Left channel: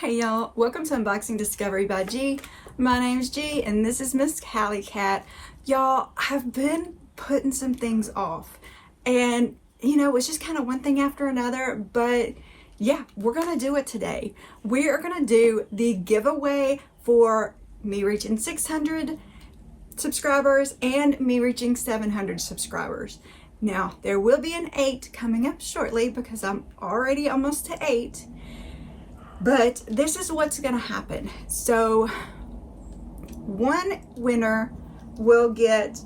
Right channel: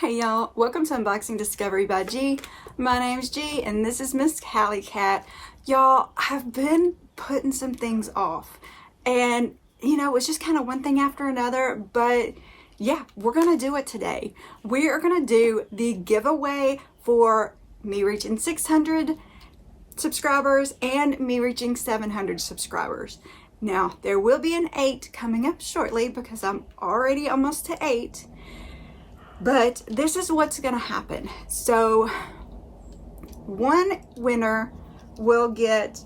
Hey y'all, welcome to Unboxing Discovery by G. My name's G and this is Miss Callie Cat. Y'all, I've been putting some things off and it's just kind of one thing after another, but yeah, we're gonna do it today. We are gonna do the giveaway for me reaching 600 subscribers and me reaching 700 subscribers. Now, there will be an 8 coming up shortly because I'm already almost to 8. But this is what's going to happen. So one winner will get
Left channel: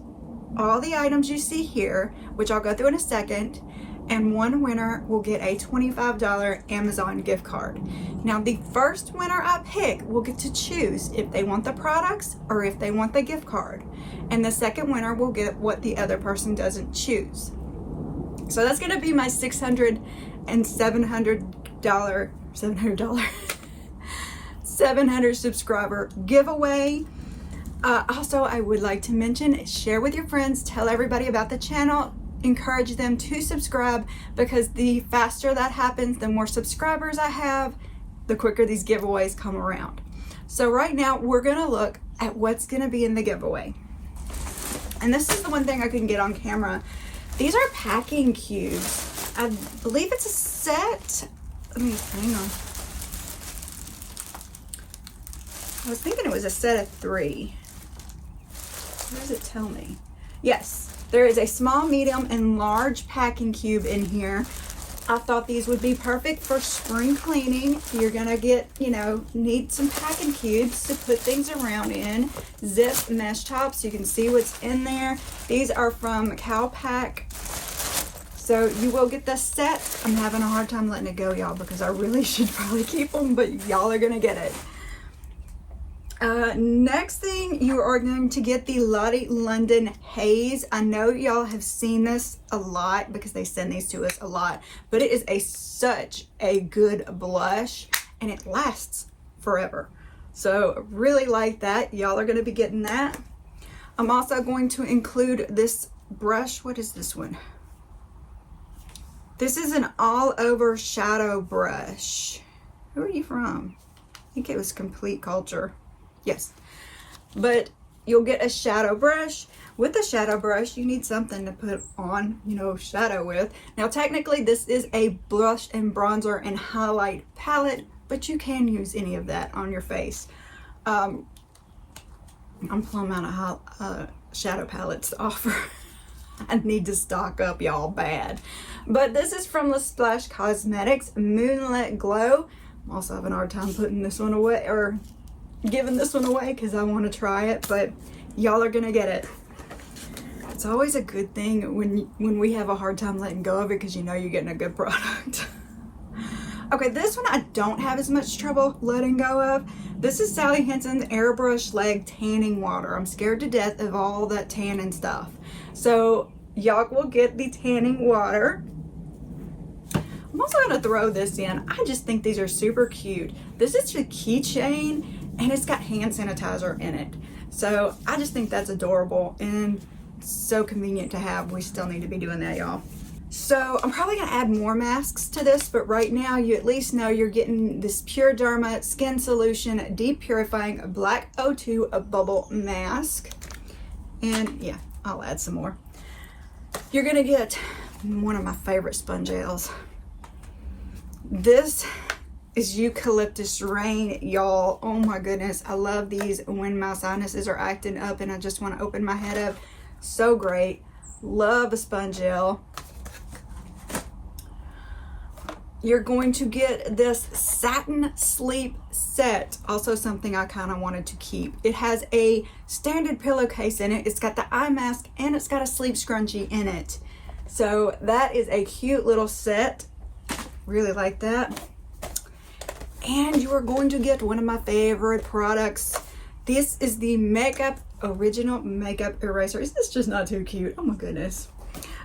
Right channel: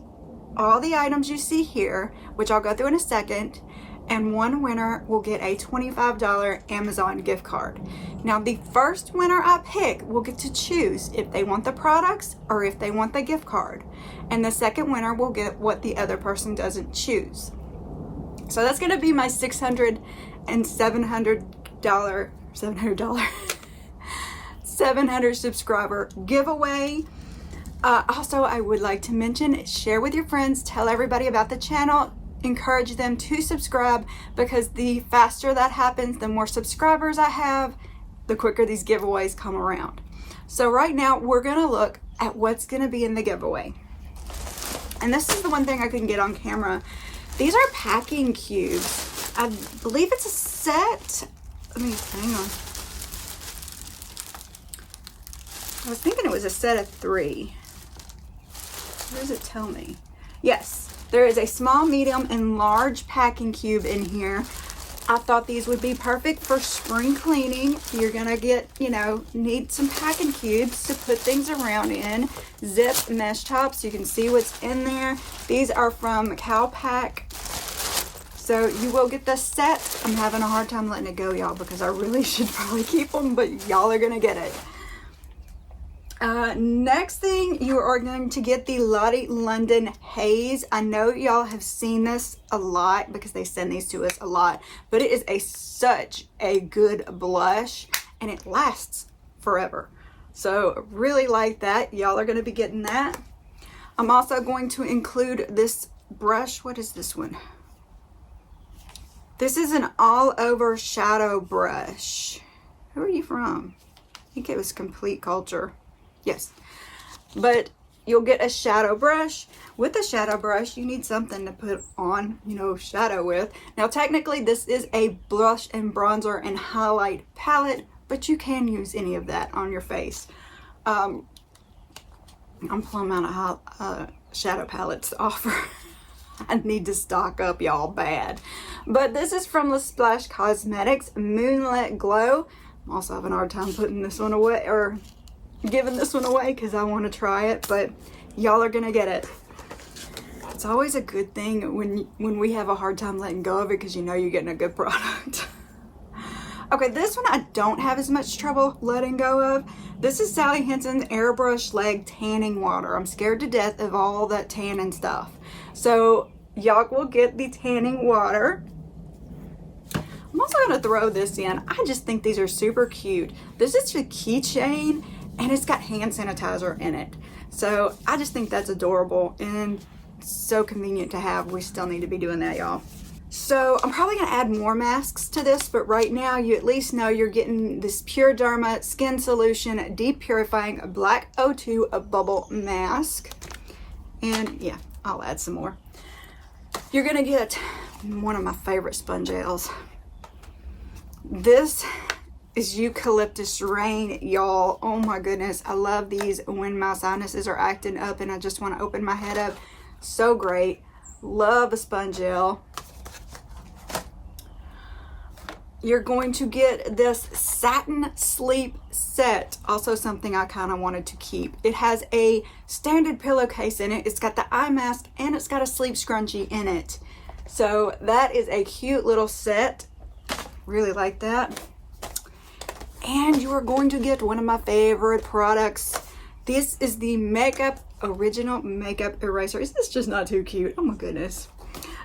all the items you see here, which I'll go through in a second, and one winner will get a $25 Amazon gift card. Now the first winner I pick will get to choose if they want the products or if they want the gift card. And the second winner will get what the other person doesn't choose. So that's going to be my $600 and $700 700 subscriber giveaway. Also, I would like to mention, share with your friends, tell everybody about the channel, encourage them to subscribe, because the faster that happens, the more subscribers I have, the quicker these giveaways come around. So right now we're gonna look at what's gonna be in the giveaway. And this is the one thing I couldn't get on camera. These are packing cubes. I believe it's a set. Hang on. I was thinking it was a set of 3. What does it tell me? Yes, there is a small, medium, and large packing cube in here. I thought these would be perfect for spring cleaning. You're gonna get, need some packing cubes to put things around in. Zip mesh tops, so you can see what's in there. These are from Calpac. So you will get this set. I'm having a hard time letting it go, y'all, because I really should probably keep them, but y'all are gonna get it. Next thing, you are going to get the Lottie London Haze. I know y'all have seen this a lot because they send these to us a lot, but it is such a good blush and it lasts forever. So really like that. Y'all are going to be getting that. I'm also going to include this brush. What is this one? This is an all-over shadow brush. Who are you from? I think it was Complete Culture. Yes, but you'll get a shadow brush. With the shadow brush, you need something to put on, shadow with. Now, technically, this is a blush and bronzer and highlight palette, but you can use any of that on your face. I'm plumb out of shadow palettes to offer. I need to stock up, y'all, bad. But this is from the Splash Cosmetics Moonlit Glow. I'm also having a hard time putting this one away, or giving this one away, because I want to try it, but y'all are gonna get it. It's always a good thing when we have a hard time letting go of it, because you're getting a good product. Okay, this one I don't have as much trouble letting go of. This is Sally Hansen's Airbrush Leg Tanning Water. I'm scared to death of all that tan and stuff. So y'all will get the tanning water. I'm also gonna throw this in. I just think these are super cute. This is a keychain and it's got hand sanitizer in it. So I just think that's adorable and so convenient to have. We still need to be doing that, y'all. So I'm probably gonna add more masks to this, but right now you at least know you're getting this Pure Derma Skin Solution Deep Purifying Black O2 Bubble Mask. And yeah, I'll add some more. You're gonna get one of my favorite Spongelles. This is Eucalyptus Rain, y'all. Oh my goodness, I love these when my sinuses are acting up and I just want to open my head up. So great. Love a Spongelle. You're going to get this Satin Sleep Set, also something I kind of wanted to keep. It has a standard pillowcase in it. It's got the eye mask and it's got a sleep scrunchie in it. So that is a cute little set. Really like that. And you are going to get one of my favorite products. This is the Original Makeup Eraser. Is this just not too cute? Oh my goodness.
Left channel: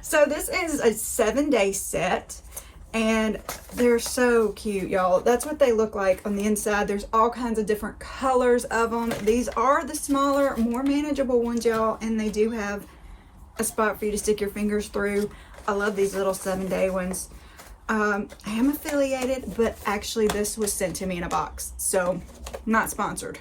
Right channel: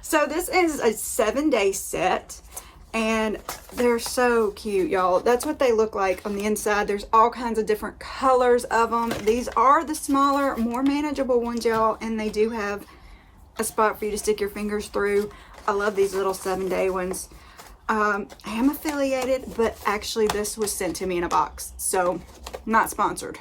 So this is a 7-day set. And they're so cute, y'all. That's what they look like on the inside. There's all kinds of different colors of them. These are the smaller, more manageable ones, y'all. And they do have a spot for you to stick your fingers through. I love these little 7-day ones. I am affiliated, but actually this was sent to me in a box. So, not sponsored.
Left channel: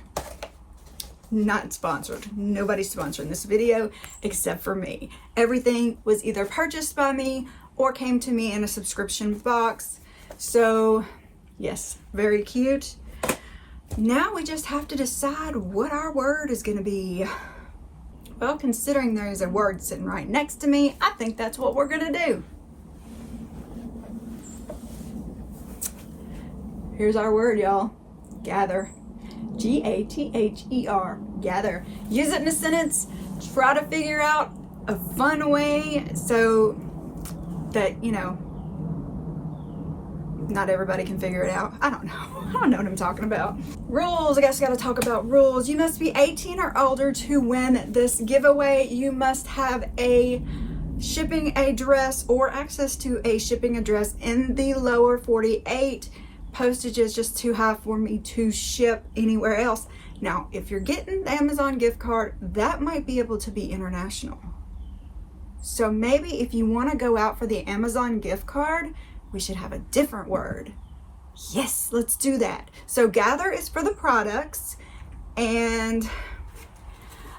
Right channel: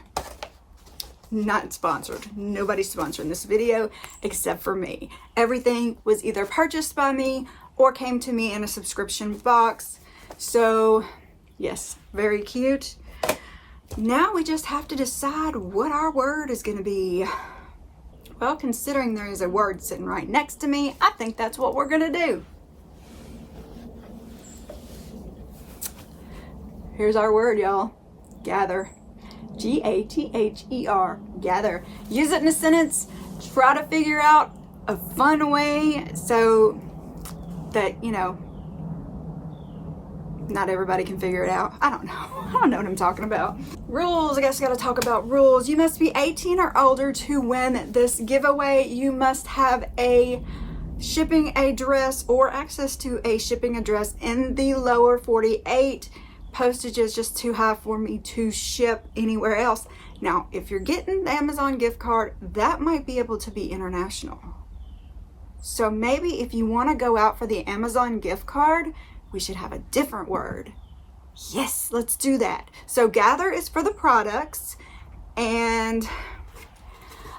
Not sponsored. Nobody's sponsoring this video except for me. Everything was either purchased by me or came to me in a subscription box. So, yes, very cute. Now we just have to decide what our word is going to be. Well, considering there's a word sitting right next to me, I think that's what we're going to do. Here's our word, y'all. Gather. G-A-T-H-E-R. Gather. Use it in a sentence. Try to figure out a fun way so that, you know, not everybody can figure it out. I don't know. I don't know what I'm talking about. Rules. I guess I got to talk about rules. You must be 18 or older to win this giveaway. You must have a shipping address or access to a shipping address in the lower 48. Postage is just too high for me to ship anywhere else. Now, if you're getting the Amazon gift card, that might be able to be international. So maybe if you want to go out for the Amazon gift card, we should have a different word. Yes, let's do that. So gather is for the products, and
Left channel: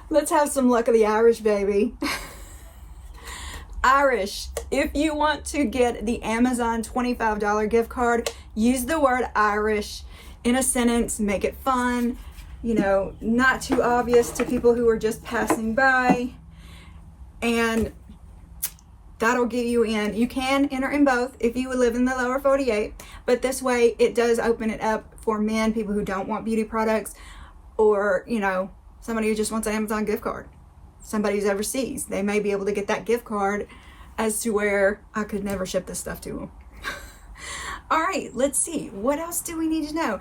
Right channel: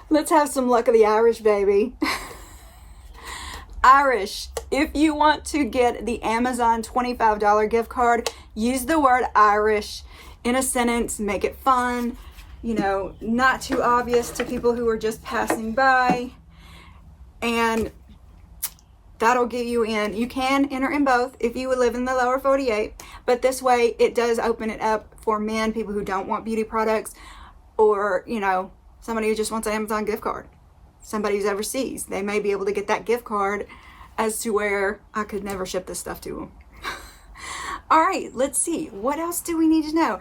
let's have some luck of the Irish, baby. Irish. If you want to get the Amazon $25 gift card, use the word Irish in a sentence. Make it fun, you know, not too obvious to people who are just passing by. And that'll get you in. You can enter in both if you live in the lower 48, but this way it does open it up for men, people who don't want beauty products, or, you know, somebody who just wants an Amazon gift card. Somebody's overseas, they may be able to get that gift card, as to where I could never ship this stuff to them. All right, let's see. What else do we need to know?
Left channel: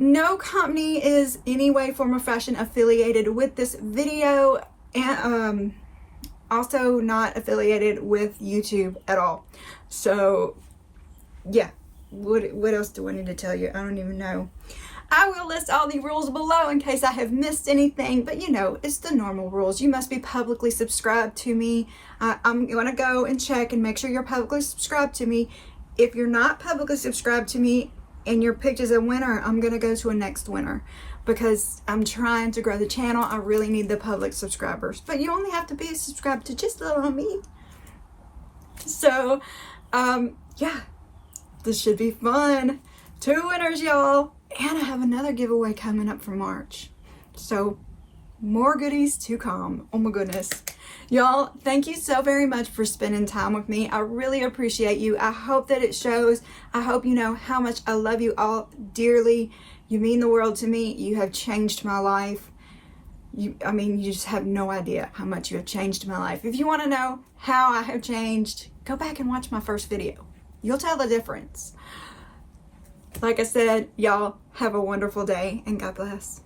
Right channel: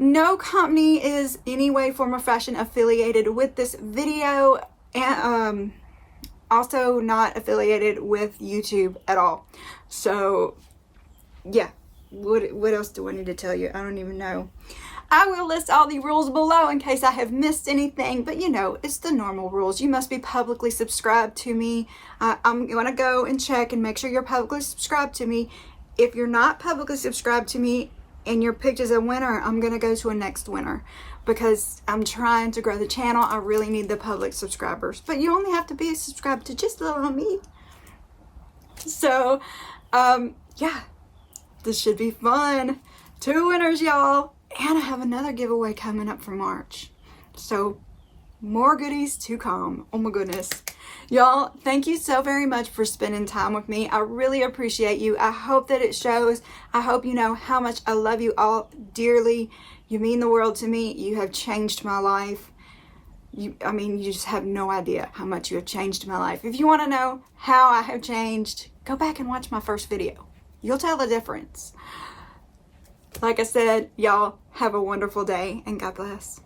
No company is any way, form, or fashion affiliated with this video, and also not affiliated with YouTube at all. So, yeah. What else do I need to tell you? I don't even know. I will list all the rules below in case I have missed anything, but you know, it's the normal rules. You must be publicly subscribed to me. I'm going to go and check and make sure you're publicly subscribed to me. If you're not publicly subscribed to me and your picked as a winner, I'm going to go to a next winner because I'm trying to grow the channel. I really need the public subscribers, but you only have to be subscribed to just a little me. So, yeah, this should be fun. 2 winners, y'all. And I have another giveaway coming up for March. So, more goodies to come. Oh my goodness. Y'all, thank you so very much for spending time with me. I really appreciate you. I hope that it shows. I hope you know how much I love you all dearly. You mean the world to me. You have changed my life. I mean, you just have no idea how much you have changed my life. If you want to know how I have changed, go back and watch my first video. You'll tell the difference. Like I said, y'all have a wonderful day and God bless.